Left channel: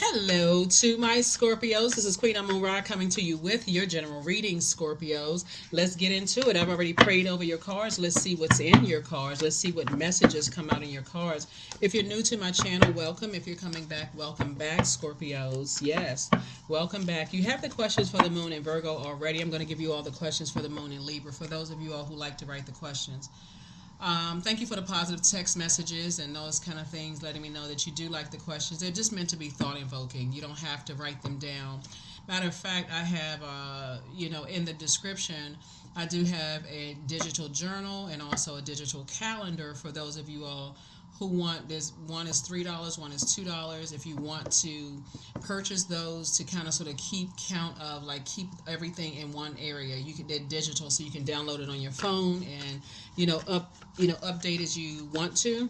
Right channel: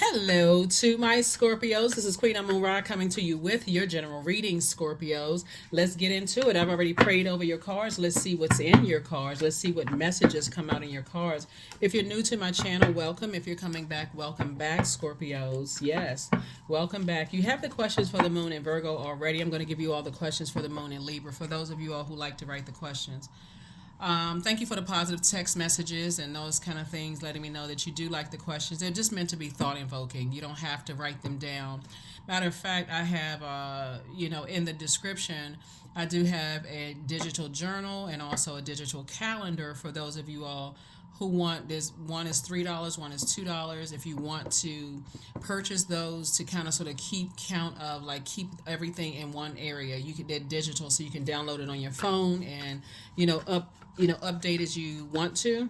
Hello to my Scorpios. This is Queen Amun Ra coming to you with your general reading, Scorpios. Let's get into it. I've already prayed over your cards. Let's see what's in your cards. Let's see what messages come out in your cards. If you're new to my channel, welcome. If you're coming back, welcome back, Scorpios. Yes, welcome back. You have the questions for the moon in Virgo already. I'm going to give you all the questions for the moon in Libra for those of you all who like to write the questions. Thank you for the positive text messages and those kind of things, letting me know that you do like the questions. They're just meant to be thought invoking. You don't have to write them down. Matter of fact, I have, in the description, I do have a digital journal and also a digital calendar for those of you all who want this. One is $3, one is $2. If you want to purchase those to kind of sort of keep count of, like, keep everything in one area, you can, they're digital, so you can download it on your phone and update as you want to.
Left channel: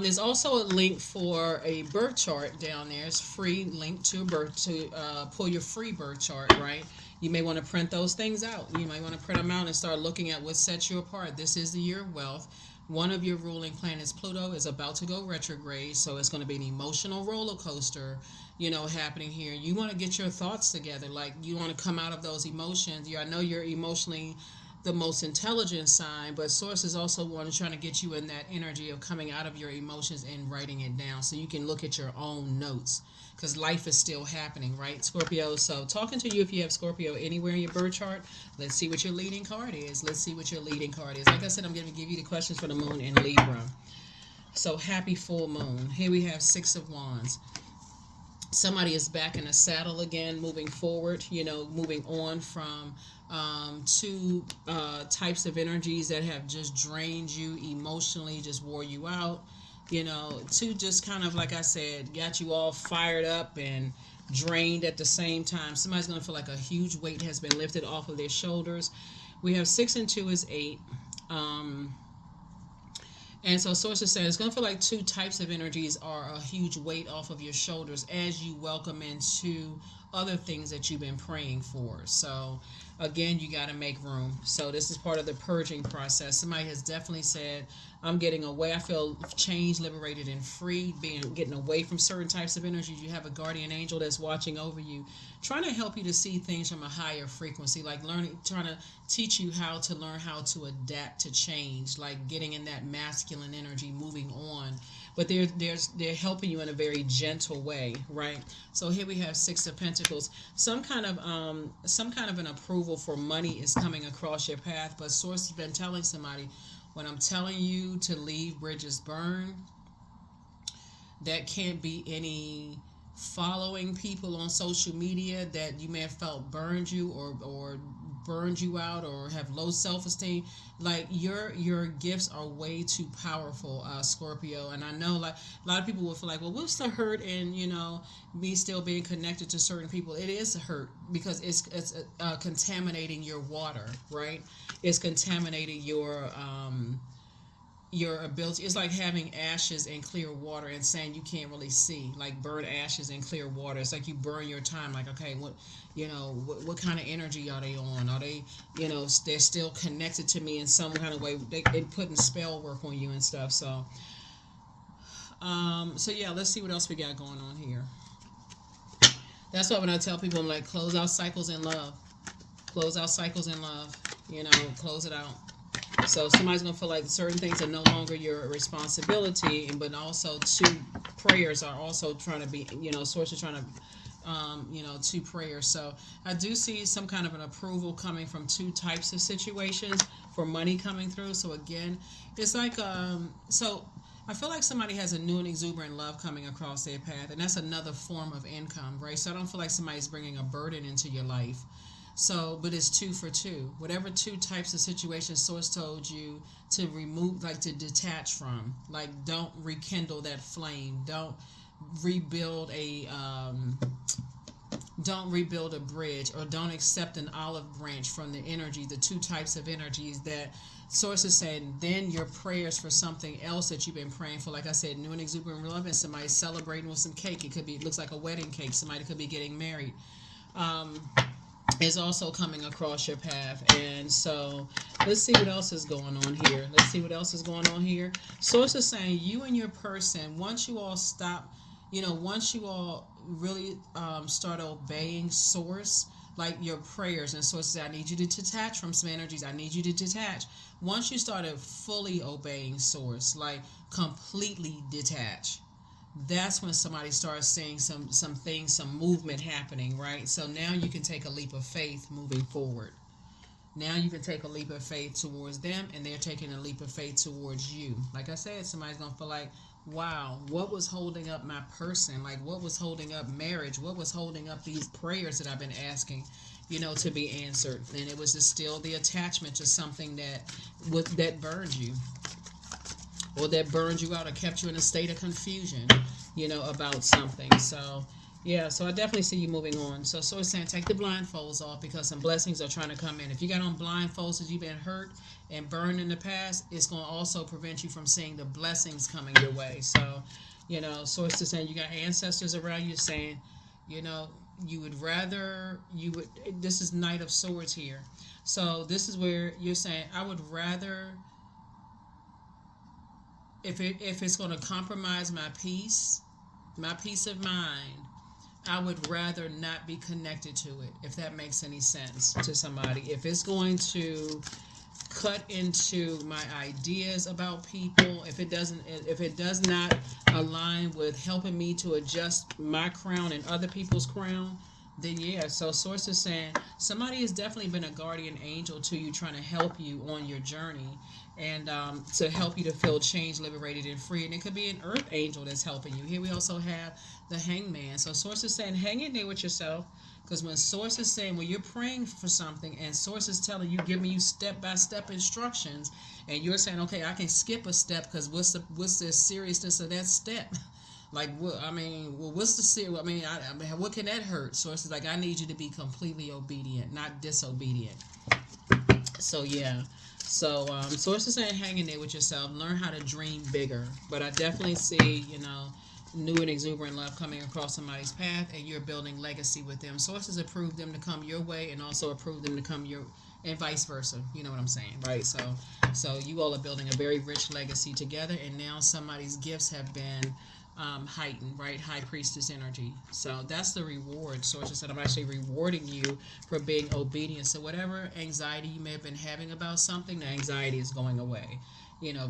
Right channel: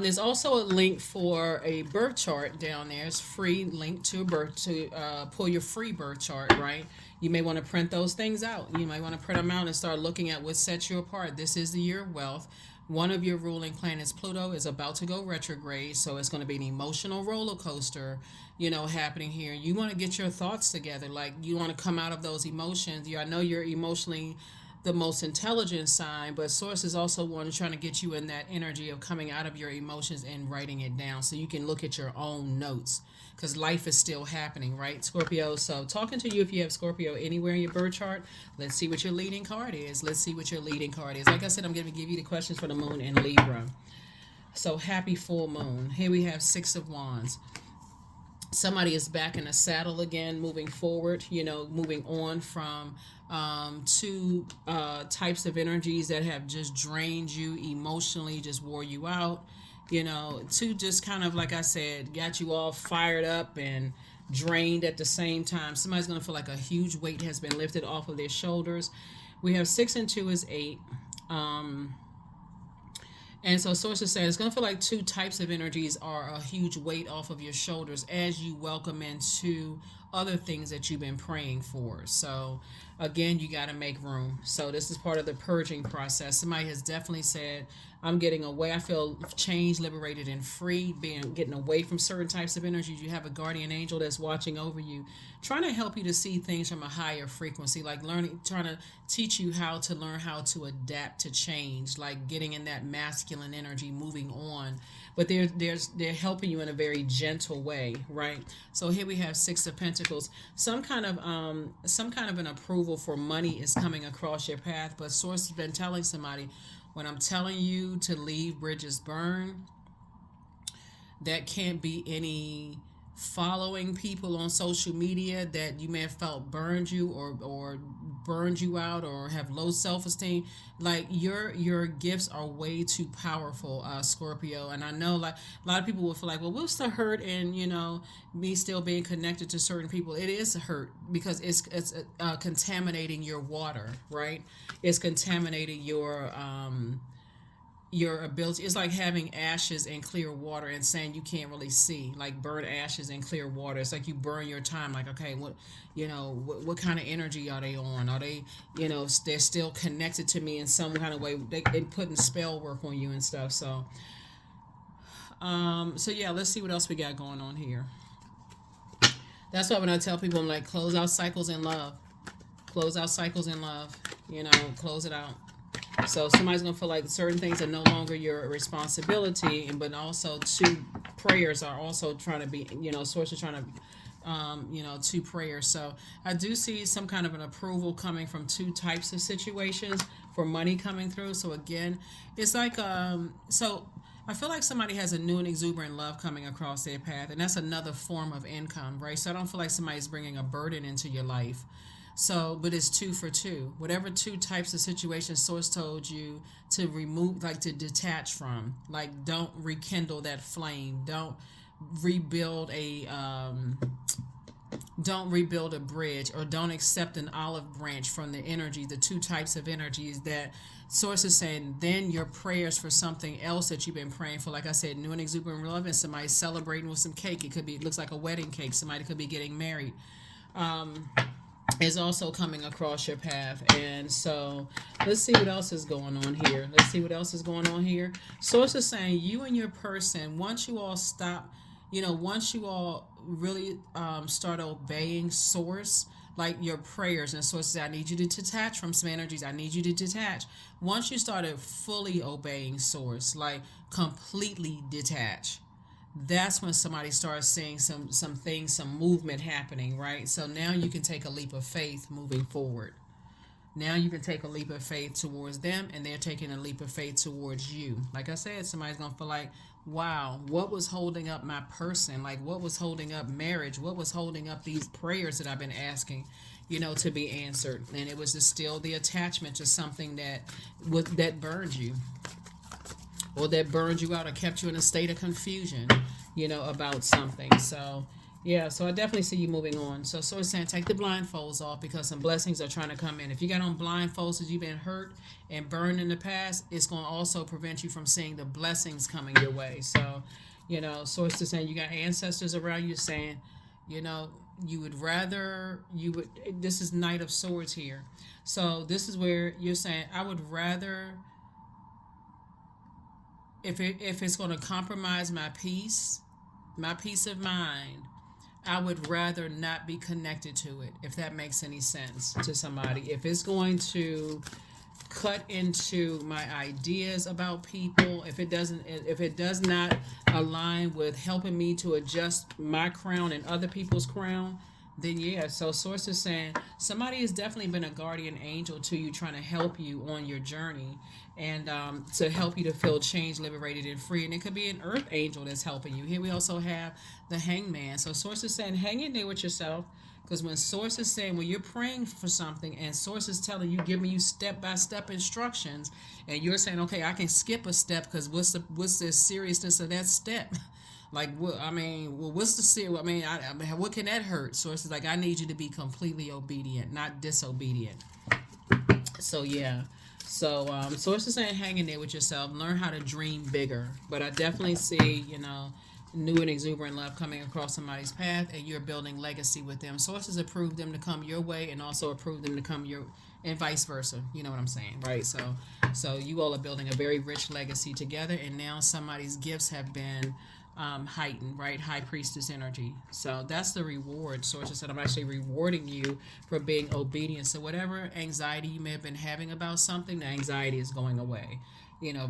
There's also a link for a birth chart down there. It's free link to a birth to pull your free birth chart, right? You may want to print those things out. You might want to print them out and start looking at what sets you apart. This is the year of wealth. One of your ruling planets, Pluto, is about to go retrograde, so it's going to be an emotional roller coaster, happening here. You want to get your thoughts together. Like, you want to come out of those emotions. I know you're emotionally the most intelligent sign, but sources also want to try to get you in that energy of coming out of your emotions and writing it down so you can look at your own notes, because life is still happening, right, Scorpio? So talking to you, if you have Scorpio anywhere in your birth chart, let's see what your leading card is. Like I said, I'm going to give you the questions for the moon in Libra. So happy full moon. Here we have Six of Wands. Somebody is back in a saddle again, moving forward, moving on from two types of energies that have just drained you emotionally, just wore you out, to just kind of, like I said, got you all fired up and drained at the same time. Somebody's going to feel like a huge weight has been lifted off of their shoulders. We have 6 and 2 is 8. And so sources say it's going to feel like two types of energies are a huge weight off of your shoulders as you welcome into other things that you've been praying for. So again, you got to make room. So this is part of the purging process. Somebody has definitely said, I'm getting away. I feel changed, liberated, and free, getting away from certain types of energies. You have a guardian angel that's watching over you, trying to help you to see things from a higher frequency, like trying to teach you how to learn how to adapt to change, like getting in that masculine energy, moving on. But they're helping you in a very gentle way, right? So here we have 6 of Pentacles. Some kind of an approval for money is coming across your path, but source has been telling somebody, when I'm telling you to leave bridges burn, that can't be any following people on social media that you may have felt burned you or burned you out or have low self-esteem. Like, your gifts are way too powerful, Scorpio. And I know, like, a lot of people will feel like, well, what's the hurt in me still being connected to certain people? It is a hurt because it's contaminating your water, right? It's contaminating your ability. It's like having ashes in clear water and saying you can't really see, like burn ashes in clear water. It's like you burn your time. Like, okay, what kind of energy are they on? Are they, they're still connected to me in some kind of way? They putting spell work on you and stuff. So yeah, let's see what else we got going on here. That's why when I tell people, I'm like, close out cycles in love. Close out cycles in love. Close it out. So somebody's going to feel like certain things are no longer your responsibility, but also two prayers are also trying to be, sources trying to, two prayers. So I do see some kind of an approval coming from two types of situations for money coming through. So again, it's like, so I feel like somebody has a new and exuberant love coming across their path, and that's another form of income, right? So I don't feel like somebody's bringing a burden into your life. So, but it's 2 for 2. Whatever two types of situations source told you to remove, like to detach from, like don't rekindle that flame. Don't rebuild a bridge, or don't accept an olive branch from the energy, the two types of energies that source is saying. Then your prayers for something else that you've been praying for, like I said, new and exuberant love, and somebody celebrating with some cake. It looks like a wedding cake. Somebody could be getting married. Is also coming across your path. And so let's see what else is going on here. Source is saying you and your person, once you all stop once you all really start obeying source, like your prayers and sources, I need you to detach from some energies. I need you to detach. Once you started fully obeying source, like completely detach, that's when somebody starts seeing some things, some movement happening, right? So now you can take a leap of faith moving forward. Now you can take a leap of faith towards them, and they're taking a leap of faith towards you. Like I said, somebody's gonna feel like, wow, what was holding up my person? Like, what was holding up marriage? What was holding up these prayers that I've been asking, to be answered? And it was just still the attachment to something that burned you, or that burned you out, or kept you in a state of confusion, about something. So, yeah, so I definitely see you moving on. So it's saying take the blindfolds off because some blessings are trying to come in. If you got on blindfolds because you've been hurt and burned in the past, it's going to also prevent you from seeing the blessings coming your way. So, source is saying you got ancestors around you saying, you know, this is Knight of Swords here. So this is where you're saying, I would rather, if it's going to compromise my peace of mind, I would rather not be connected to it, if that makes any sense to somebody. If it's going to cut into my ideas about people, if it does not align with helping me to adjust my crown and other people's crown, then yeah. So source is saying somebody has definitely been a guardian angel to you, trying to help you on your journey, and to help you to feel changed, liberated, and free. And it could be an earth angel that's helping you. Here we also have the hangman. So source is saying hang in there with yourself, because when source is saying, when you're praying for something and source is telling you, giving you step-by-step instructions, and you're saying, okay, I can skip a step because what's the seriousness of that step? Like, what? I mean, well, what's the serious? I mean, what can that hurt? Source is like, I need you to be completely obedient, not disobedient. So yeah. So source is saying hang in there with yourself, learn how to dream bigger. But I definitely see, new and exuberant love coming across somebody's path, and you're building legacy with them. Sources approve them to come your way, and also approve them to come your, and vice versa. You know what I'm saying, right? So you all are building a very rich legacy together, and now somebody's gifts have been heightened, right? High priestess energy. So that's the reward. Sources said, I'm actually rewarding you for being obedient. So whatever anxiety you may have been having about something, the anxiety is going away,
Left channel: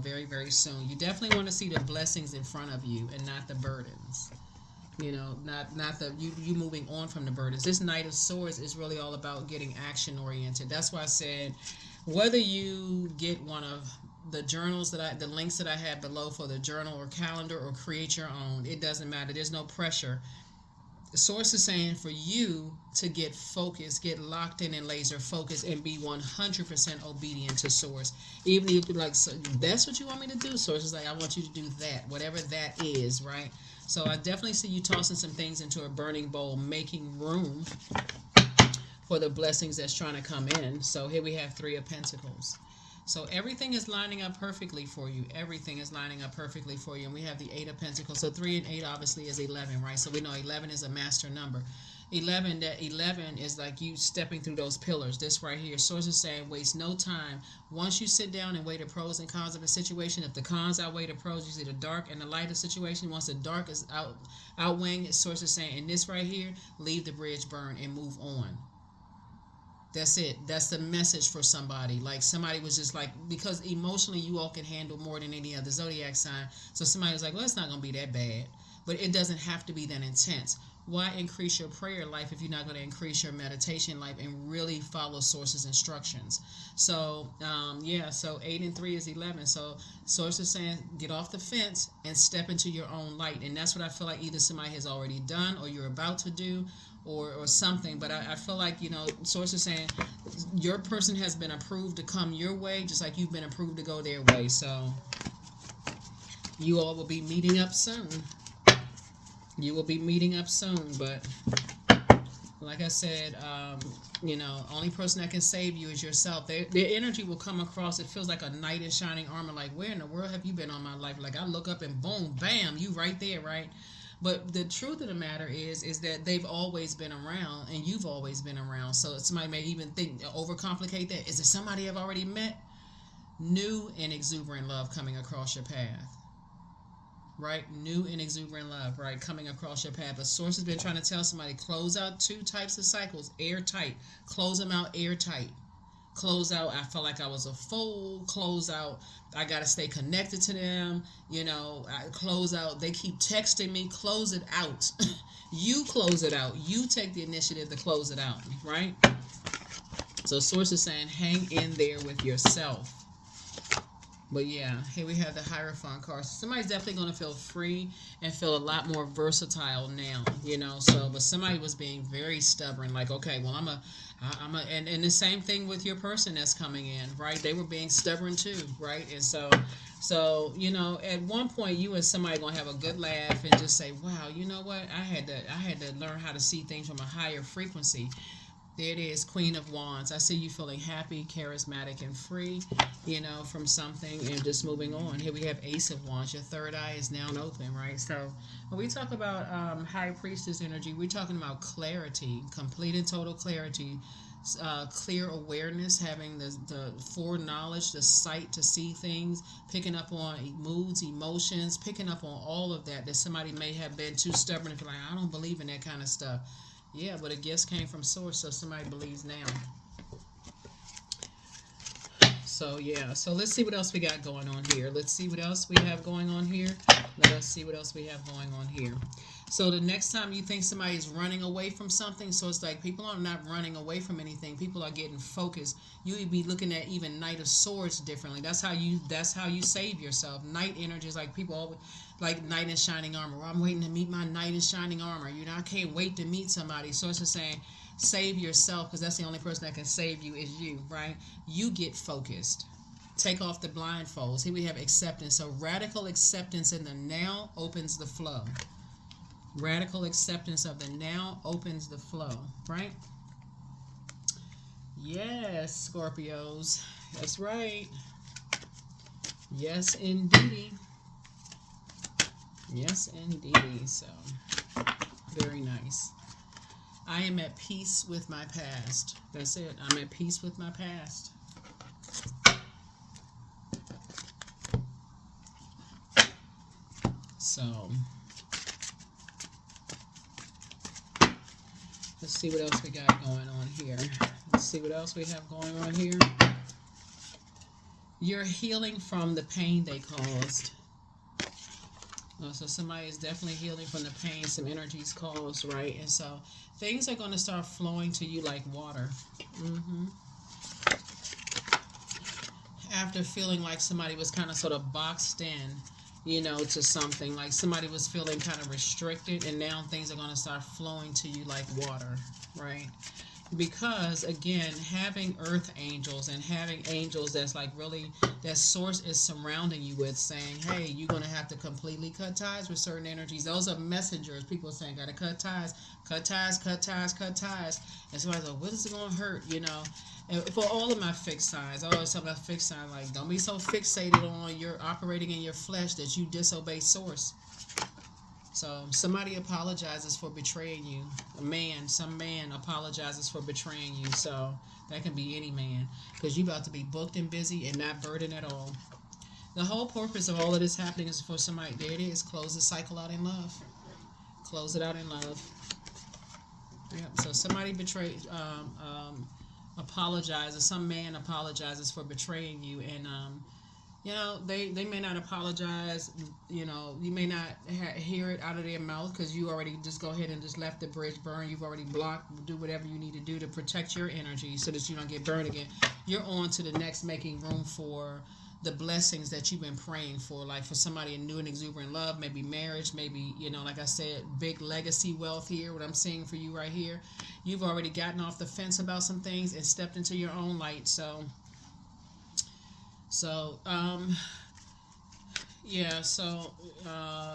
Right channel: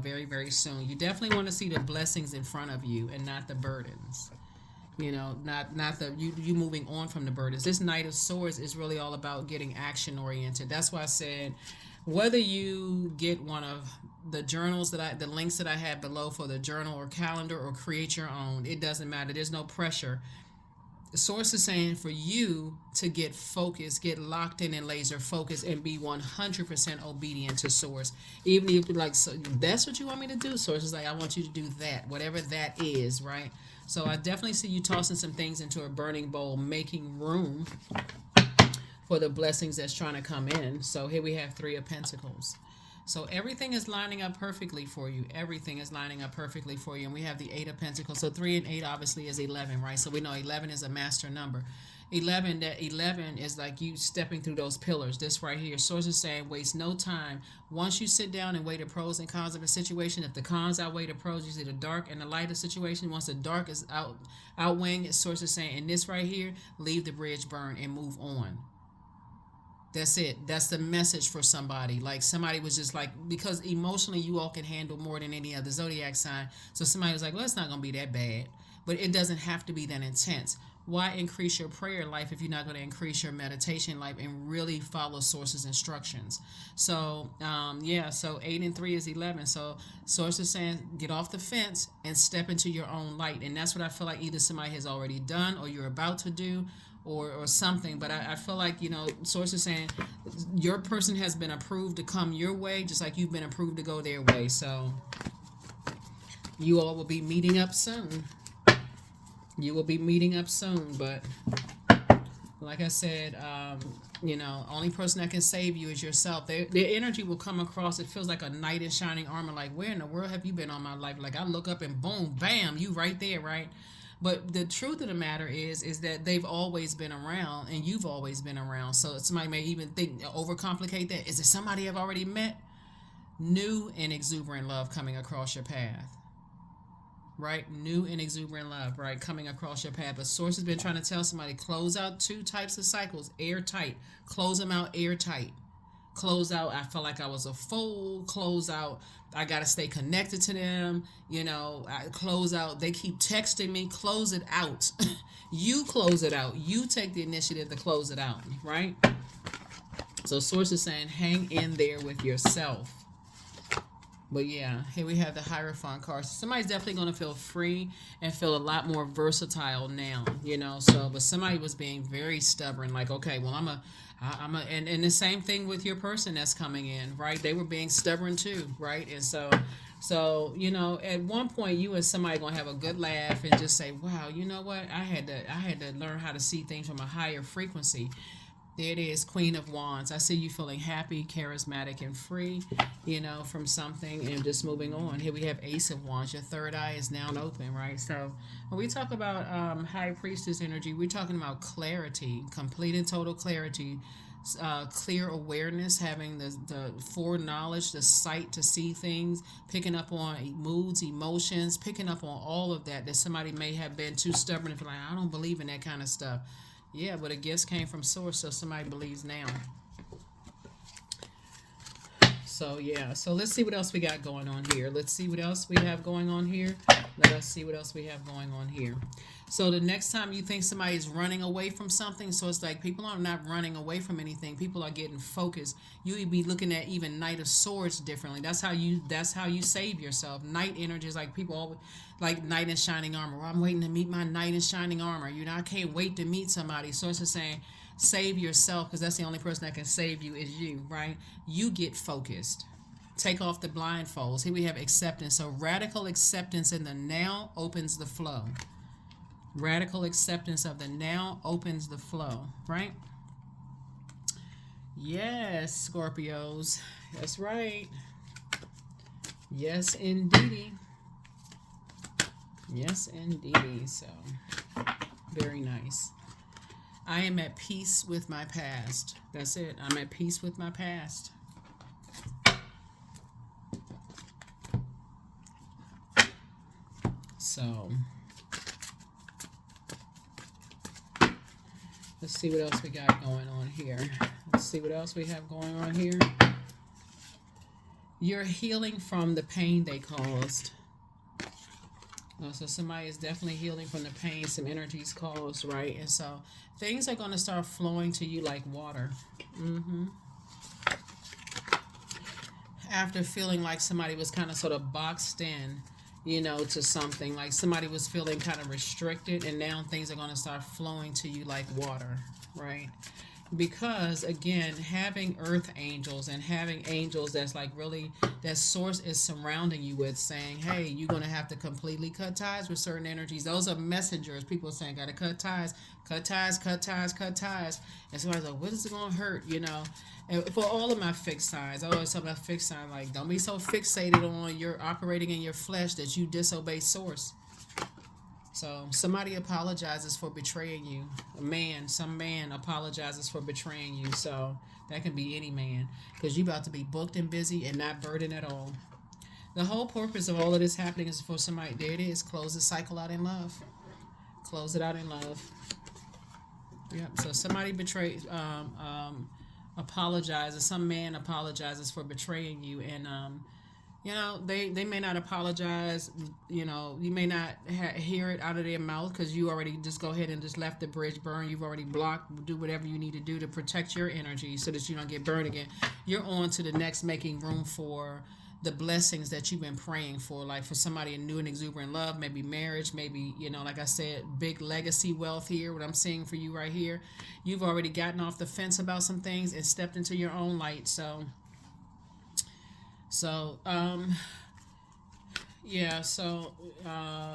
very, very soon. You definitely want to see the blessings in front of you and not the burdens. Not the you moving on from the burdens. This Knight of Swords is really all about getting action oriented. That's why I said, whether you get one of the journals the links that I have below for the journal or calendar, or create your own, it doesn't matter. There's no pressure. The source is saying for you to get focused, get locked in and laser focused, and be 100% obedient to source. Even if you're like, so that's what you want me to do, source is like, I want you to do that, whatever that is, right? So I definitely see you tossing some things into a burning bowl, making room for the blessings that's trying to come in. So here we have Three of Pentacles. So everything is lining up perfectly for you. Everything is lining up perfectly for you. And we have the Eight of Pentacles. So 3 and 8 obviously is 11, right? So we know 11 is a master number. 11 is like you stepping through those pillars. This right here. Source is saying waste no time. Once you sit down and weigh the pros and cons of a situation, if the cons outweigh the pros, you see the dark and the light of situation. Once the dark is outweighing it, source is saying, in this right here, leave the bridge burn and move on. That's it. That's the message for somebody. Like somebody was just like, because emotionally you all can handle more than any other zodiac sign. So somebody was like, well, it's not going to be that bad. But it doesn't have to be that intense. Why increase your prayer life if you're not going to increase your meditation life and really follow sources instructions? So, so 8 and 3 is 11. So source is saying get off the fence and step into your own light. And that's what I feel like either somebody has already done or you're about to do, or something. But I feel like, source is saying your person has been approved to come your way, just like you've been approved to go their way. So you all will be meeting up soon. But like I said, only person that can save you is yourself. Their energy will come across. It feels like a knight in shining armor. Like, where in the world have you been all my life? Like, I look up and boom, bam, you right there, right? But the truth of the matter is that they've always been around, and you've always been around. So somebody may even think, overcomplicate that. Is it somebody I've already met? New and exuberant love coming across your path. right? New and exuberant love, right? Coming across your path. But source has been trying to tell somebody, close out two types of cycles, airtight. Close them out airtight. Close out, I felt like I was a fool. Close out, I got to stay connected to them. Close out, they keep texting me. Close it out. You close it out. You take the initiative to close it out, right? So source is saying, hang in there with yourself. But yeah, here we have the Hierophant card. So somebody's definitely going to feel free and feel a lot more versatile now, but somebody was being very stubborn, like, okay, well, and the same thing with your person that's coming in, right? They were being stubborn too, right? And so, at one point you and somebody going to have a good laugh and just say, wow, you know what? I had to learn how to see things from a higher frequency. There it is, Queen of Wands. I see you feeling happy, charismatic, and free, from something, and just moving on. Here we have Ace of Wands. Your third eye is now open, right? So when we talk about High Priestess energy, we're talking about clarity, complete and total clarity, clear awareness, having the foreknowledge, the sight to see things, picking up on moods, emotions, picking up on all of that somebody may have been too stubborn and feel like, I don't believe in that kind of stuff. Yeah, but a gift came from source, so somebody believes now. So, yeah. So, let's see what else we got going on here. Let's see what else we have going on here. Let us see what else we have going on here. So, the next time you think somebody is running away from something, so it's like people are not running away from anything. People are getting focused. You would be looking at even Knight of Swords differently. That's how you save yourself. Knight energy is like people always, like knight in shining armor. Well, I'm waiting to meet my knight in shining armor. I can't wait to meet somebody. So it's just saying, save yourself, because that's the only person that can save you is you, right? You get focused. Take off the blindfolds. Here we have acceptance. So radical acceptance in the now opens the flow. Radical acceptance of the now opens the flow, right? Yes, Scorpios. That's right. Yes, indeedy. Yes, indeedy. So, very nice. I am at peace with my past. That's it. I'm at peace with my past. So, let's see what else we got going on here. Let's see what else we have going on here. You're healing from the pain they caused. So somebody is definitely healing from the pain some energies caused, right? And so things are going to start flowing to you like water. After feeling like somebody was kind of sort of boxed in, to something, like somebody was feeling kind of restricted, and now things are going to start flowing to you like water, right? Because again, having earth angels and having angels that's like really, that source is surrounding you with, saying, hey, you're going to have to completely cut ties with certain energies. Those are messengers. People are saying, got to cut ties, cut ties, cut ties, cut ties. And somebody's like, what is it going to hurt, And for all of my fixed signs, I always talk about fixed signs, like, don't be so fixated on your operating in your flesh that you disobey source. So somebody apologizes for betraying you. Some man apologizes for betraying you. So that can be any man, because you're about to be booked and busy and not burdened at all. The whole purpose of all of this happening is for somebody, there it is, close the cycle out in love. Close it out in love. Yeah. So somebody apologizes. Some man apologizes for betraying you, and they may not apologize. You may not hear it out of their mouth, because you already just go ahead and just left the bridge burn. You've already blocked. Do whatever you need to do to protect your energy so that you don't get burned again. You're on to the next, making room for the blessings that you've been praying for, like for somebody in new and exuberant love, maybe marriage, maybe, like I said, big legacy wealth here, what I'm seeing for you right here. You've already gotten off the fence about some things and stepped into your own light. So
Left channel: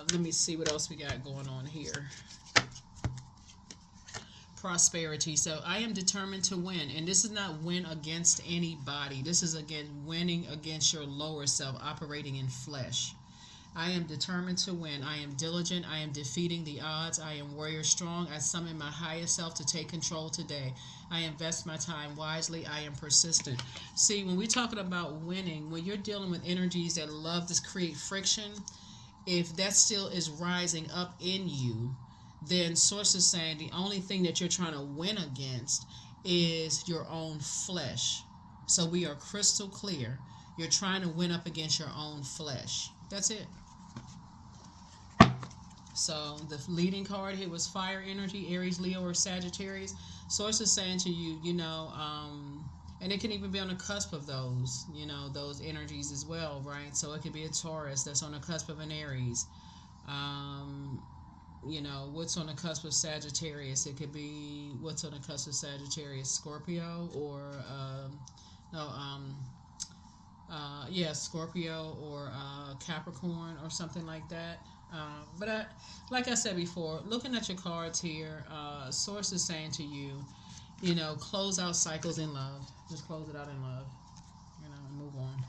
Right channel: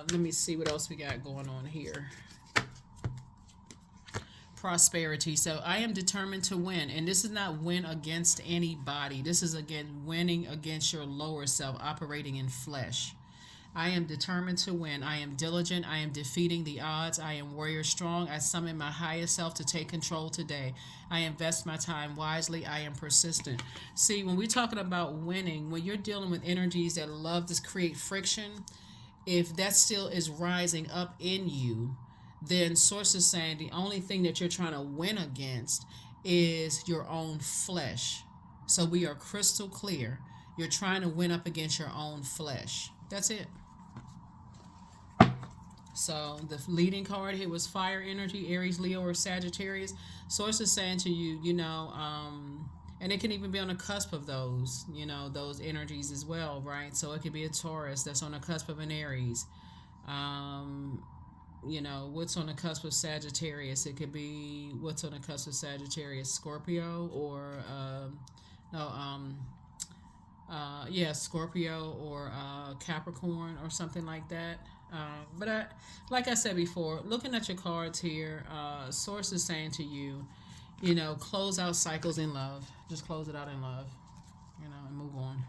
let me see what else we got going on here. Prosperity. So I am determined to win, and this is not win against anybody. This is, again, winning against your lower self, operating in flesh. I am determined to win. I am diligent. I am defeating the odds. I am warrior strong. I summon my highest self to take control today. I invest my time wisely. I am persistent. See, when we're talking about winning, when you're dealing with energies that love to create friction, if that still is rising up in you, then source is saying the only thing that you're trying to win against is your own flesh. So we are crystal clear. You're trying to win up against your own flesh. That's it. So the leading card here was fire energy, Aries, Leo, or Sagittarius. Source is saying to you, and it can even be on the cusp of those, those energies as well, right? So it could be a Taurus that's on the cusp of an Aries. What's on the cusp of Sagittarius? It could be what's on the cusp of Sagittarius, Scorpio, or Scorpio or Capricorn or something like that. Like I said before, looking at your cards here, source is saying to you, close out cycles in love. Just close it out in love. Move on.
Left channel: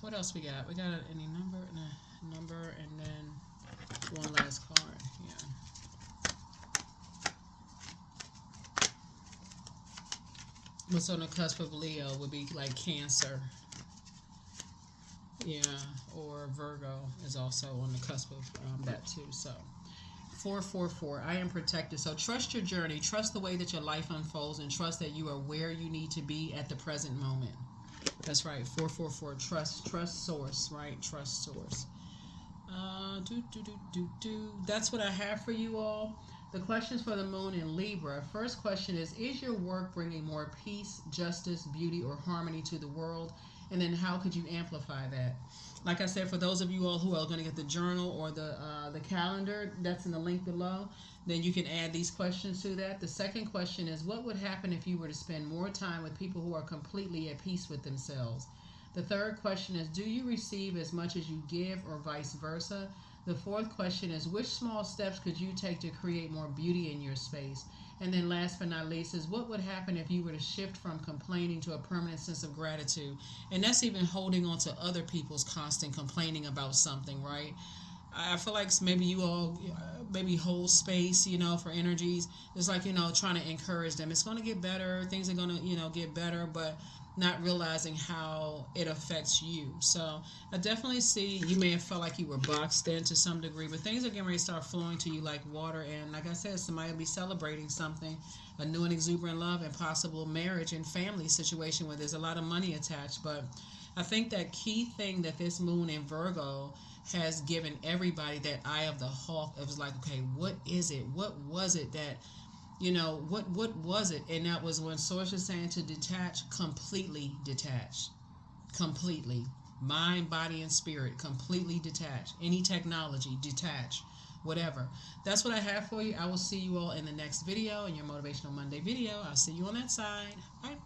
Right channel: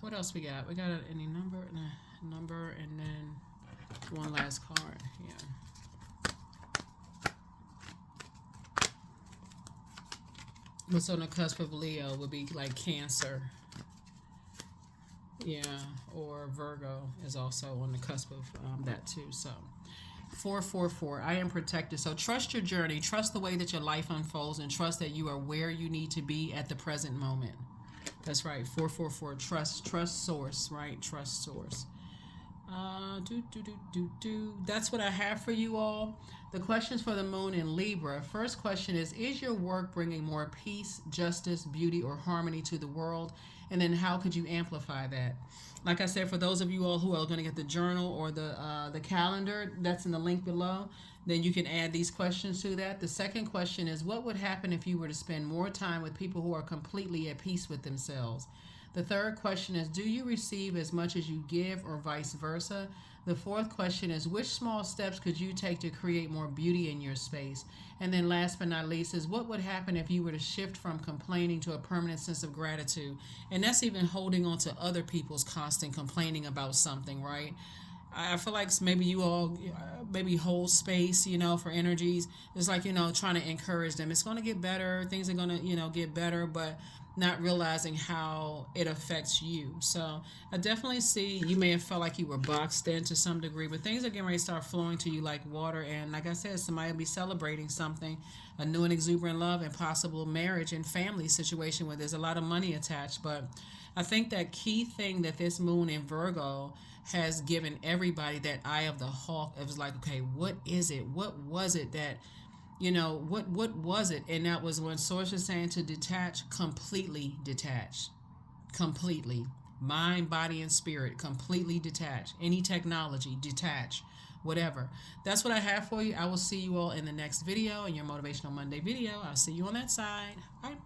What else we got? We got any number, and then one last card. Yeah. What's on the cusp of Leo would be like Cancer. Yeah, or Virgo is also on the cusp of that too. So 444, I am protected. So trust your journey, trust the way that your life unfolds, and trust that you are where you need to be at the present moment. That's right, 444, trust source, right? Trust source. That's what I have for you all. The questions for the moon in Libra. First question is your work bringing more peace, justice, beauty, or harmony to the world? And then how could you amplify that? Like I said, for those of you all who are going to get the journal or the calendar, that's in the link below, then you can add these questions to that. The second question is, what would happen if you were to spend more time with people who are completely at peace with themselves? The third question is, do you receive as much as you give, or vice versa? The fourth question is, which small steps could you take to create more beauty in your space? And then last but not least is, what would happen if you were to shift from complaining to a permanent sense of gratitude? And that's even holding on to other people's constant complaining about something, right? I feel like maybe you all maybe hold space, for energies. It's like, trying to encourage them. It's going to get better. Things are going to, get better, but not realizing how it affects you. So I definitely see you may have felt like you were boxed in to some degree, but things are getting ready to start flowing to you like water. And like I said, somebody will be celebrating something, a new and exuberant love and possible marriage and family situation where there's a lot of money attached. But I think that key thing that this moon in Virgo has given everybody, that eye of the hawk, it was like, okay, what is it? What was it that, what was it? And that was when source was saying to detach, completely detach. Completely. Mind, body, and spirit, completely detach. Any technology, detach. Whatever. That's what I have for you. I will see you all in the next video, in your Motivational Monday video. I'll see you on that side. All right.